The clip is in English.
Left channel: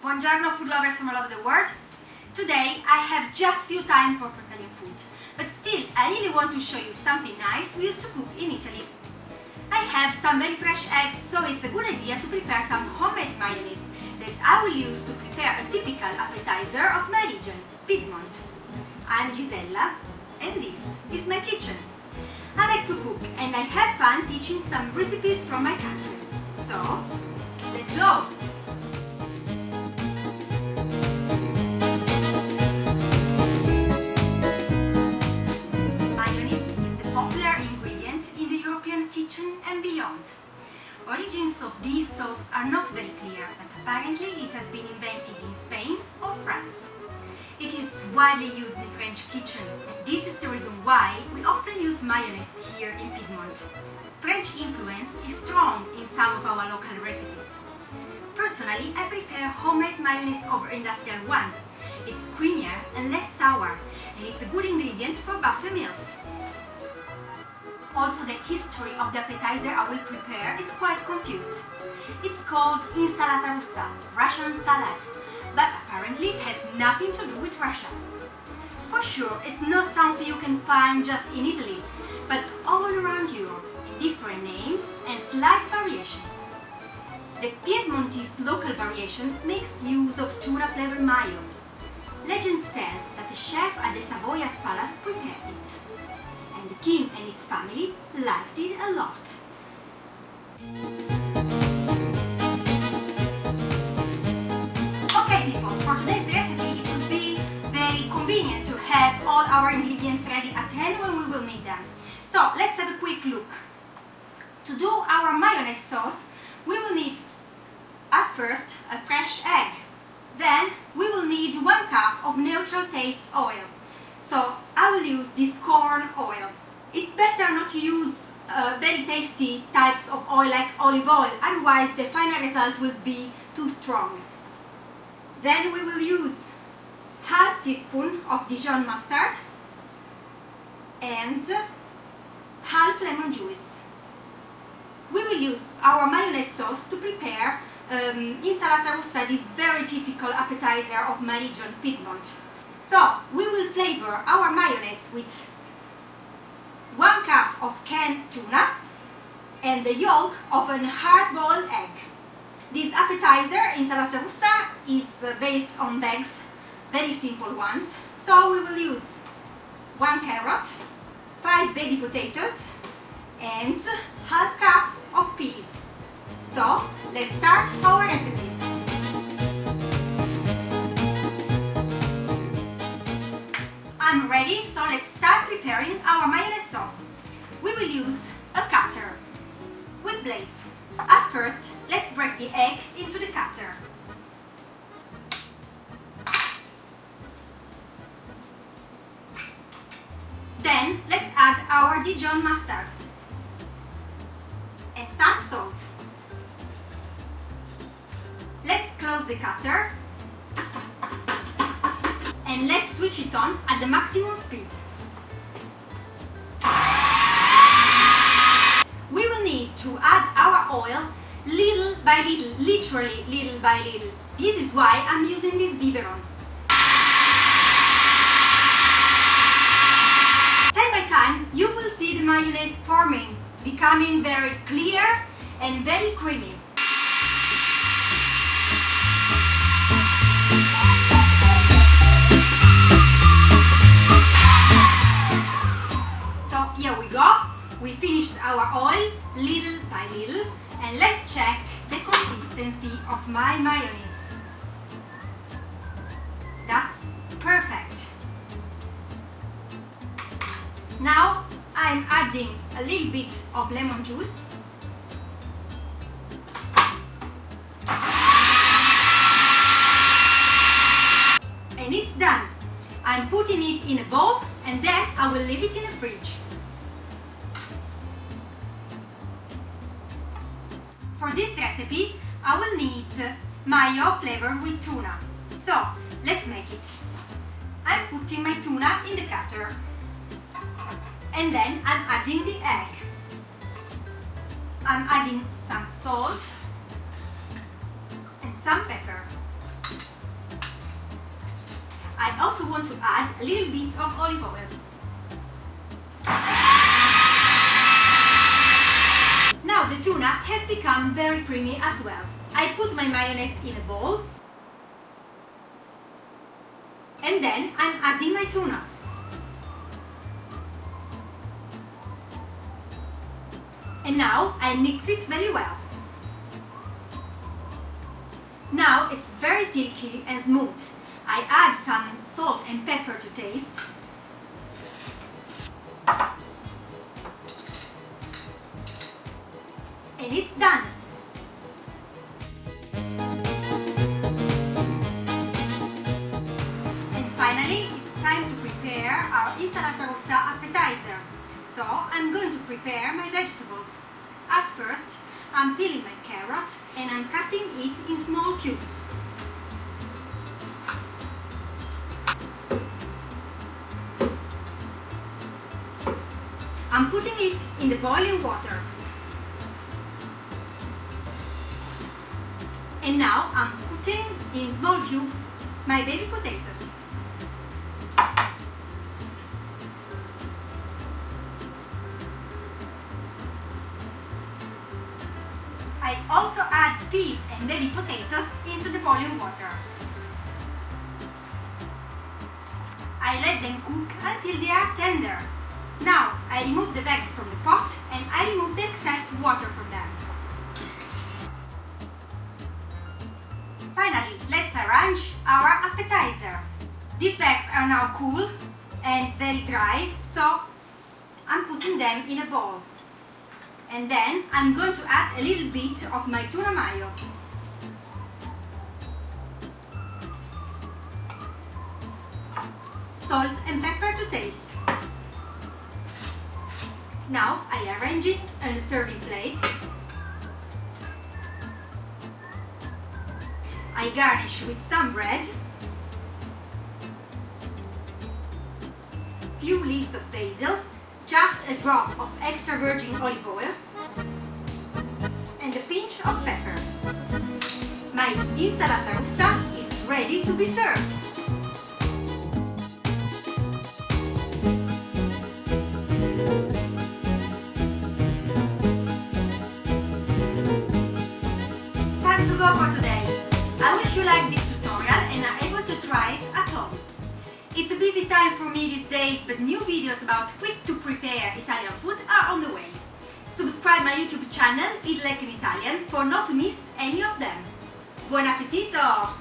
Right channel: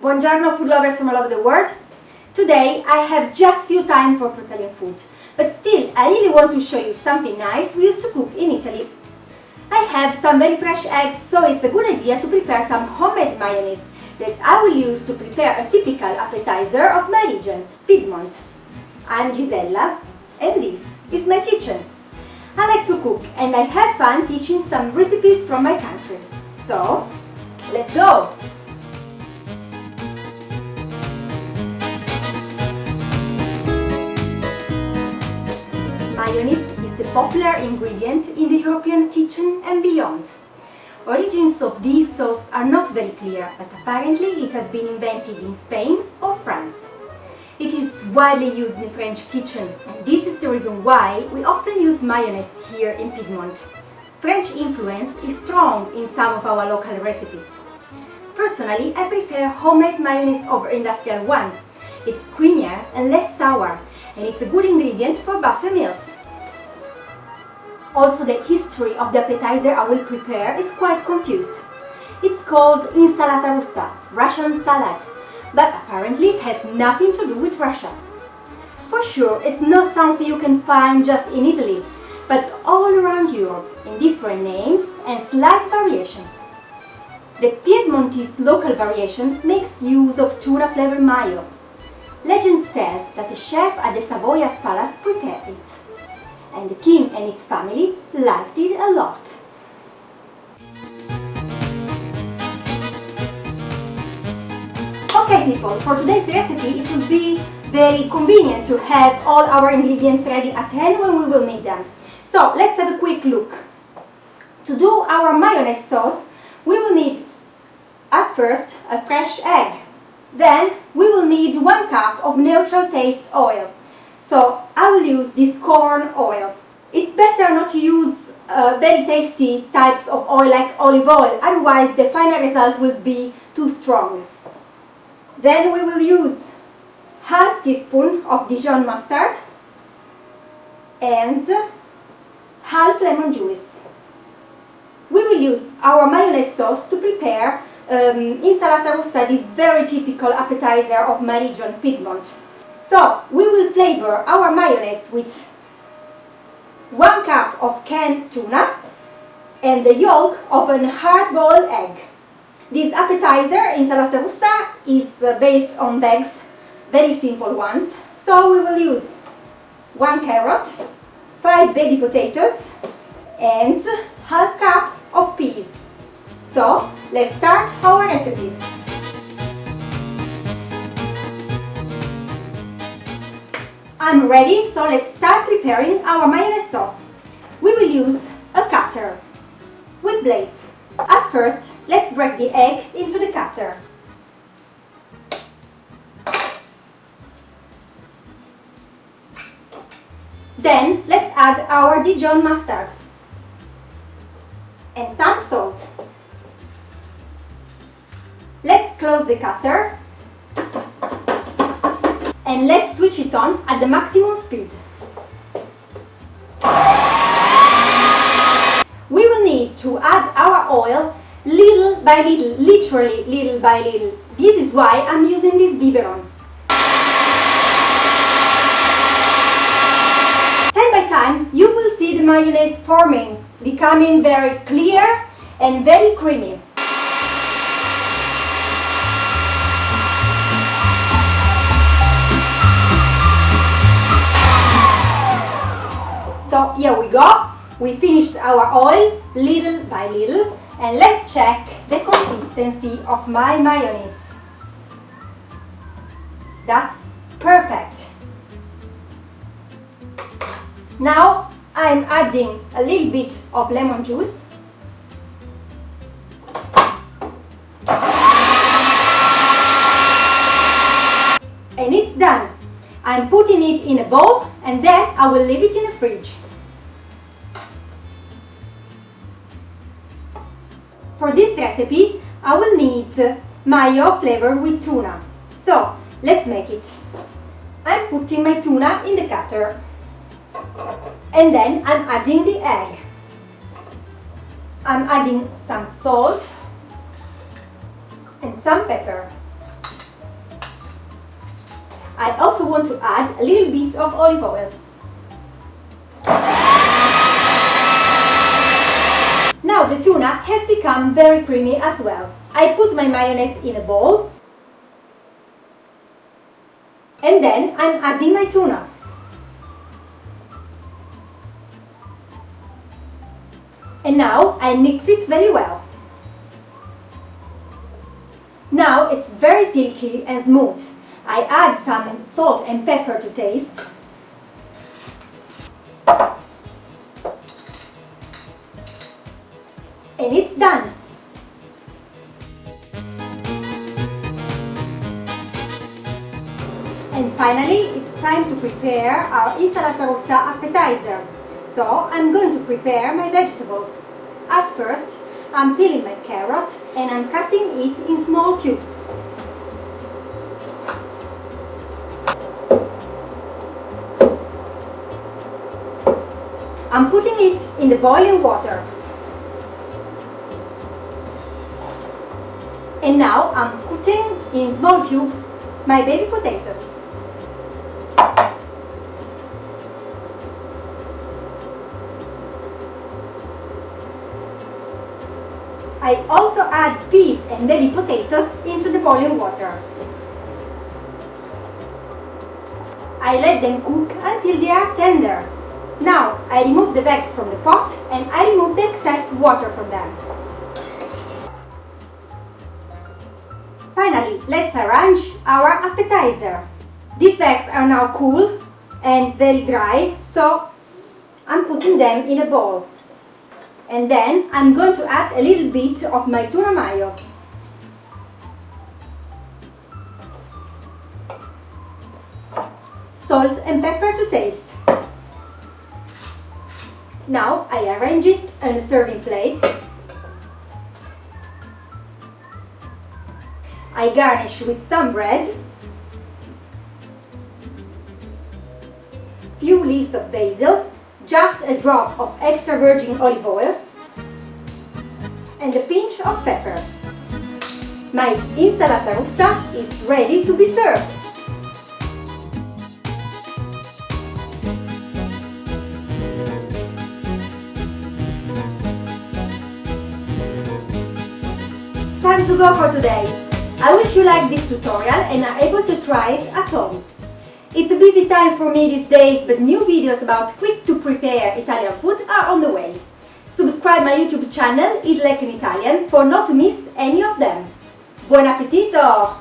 Buongiorno food lovers from all over the world. Today I have just few time for preparing food, but still I really want to show you something nice we used to cook in Italy. I have some very fresh eggs, so it's a good idea to prepare some homemade mayonnaise that I will use to prepare a typical appetizer of my region, Piedmont. I'm Gisella and this is my kitchen. I like to cook and I have fun teaching some recipes from my country. So, let's go! Popular ingredient in the European kitchen and beyond. Origins of this sauce are not very clear, but apparently it has been invented in Spain or France. It is widely used in the French kitchen, and this is the reason why we often use mayonnaise here in Piedmont. French influence is strong in some of our local recipes. Personally, I prefer homemade mayonnaise over industrial one. It's creamier and less sour, and it's a good ingredient for buffet meals. Also, the history of the appetizer I will prepare is quite confused. It's called Insalata Russa, Russian salad, but apparently it has nothing to do with Russia. For sure, it's not something you can find just in Italy, but all around Europe in different names and slight variations. The Piedmontese local variation makes use of tuna flavour mayo. Legend tells that a chef at the Savoyas Palace prepared it, and the king and his family liked it a lot. Okay people, for today's recipe it will be very convenient to have all our ingredients ready at hand when we will need them. So let's have a quick look. To do our mayonnaise sauce, we will need, as first, a fresh egg. Then we will need 1 cup of neutral taste oil. So I will use this corn oil. It's better not to use very tasty types of oil like olive oil, otherwise the final result will be too strong. Then we will use half teaspoon of Dijon mustard and half lemon juice. We will use our mayonnaise sauce to prepare Insalata Russa, this very typical appetizer of my region, Piedmont. So, we will flavor our mayonnaise with 1 cup of canned tuna and the yolk of a hard-boiled egg. This appetizer, Insalata Russa, is based on eggs, very simple ones. So we will use 1 carrot, 5 baby potatoes and half cup of peas. So, let's start our recipe. I'm ready, so let's start preparing our mayonnaise sauce. We will use a cutter with blades. At first, let's break the egg into the cutter. Then, let's add our Dijon mustard and some salt. Let's close the cutter and let's switch it on at the maximum speed. We will need to add our oil little by little, literally little by little. This is why I'm using this biberon. Time by time, you will see the mayonnaise forming, becoming very clear and very creamy. So here we go, we finished our oil little by little, and let's check the consistency of my mayonnaise. That's perfect. Now I'm adding a little bit of lemon juice. And it's done. I'm putting it in a bowl and then I will leave it in the fridge. For this recipe, I will need mayo flavored with tuna. So, let's make it. I'm putting my tuna in the cutter. And then I'm adding the egg. I'm adding some salt and some pepper. I also want to add a little bit of olive oil. Now the tuna has become very creamy as well. I put my mayonnaise in a bowl and then I'm adding my tuna. And now I mix it very well. Now it's very silky and smooth. I add some salt and pepper to taste. And it's done. And finally, it's time to prepare our Insalata Russa appetizer. So I'm going to prepare my vegetables. As first, I'm peeling my carrot and I'm cutting it in small cubes. I'm putting it in the boiling water. And now I'm cutting in small cubes my baby potatoes. I also add peas and baby potatoes into the boiling water. I let them cook until they are tender. Now I remove the bags from the pot and I remove the excess water from them. Finally, let's arrange our appetizer. These bags are now cool and very dry, so I'm putting them in a bowl. And then I'm going to add a little bit of my tuna-mayo. Salt and pepper to taste. Now I arrange it on a serving plate. I garnish with some bread, few leaves of basil, just a drop of extra virgin olive oil, and a pinch of pepper. My Insalata Russa is ready to be served. Time to go for today. I wish you liked this tutorial and are able to try it at home. It's a busy time for me these days, but new videos about quick to prepare Italian food are on the way. Subscribe my YouTube channel, Eat Like an Italian, for not to miss any of them. Buon appetito!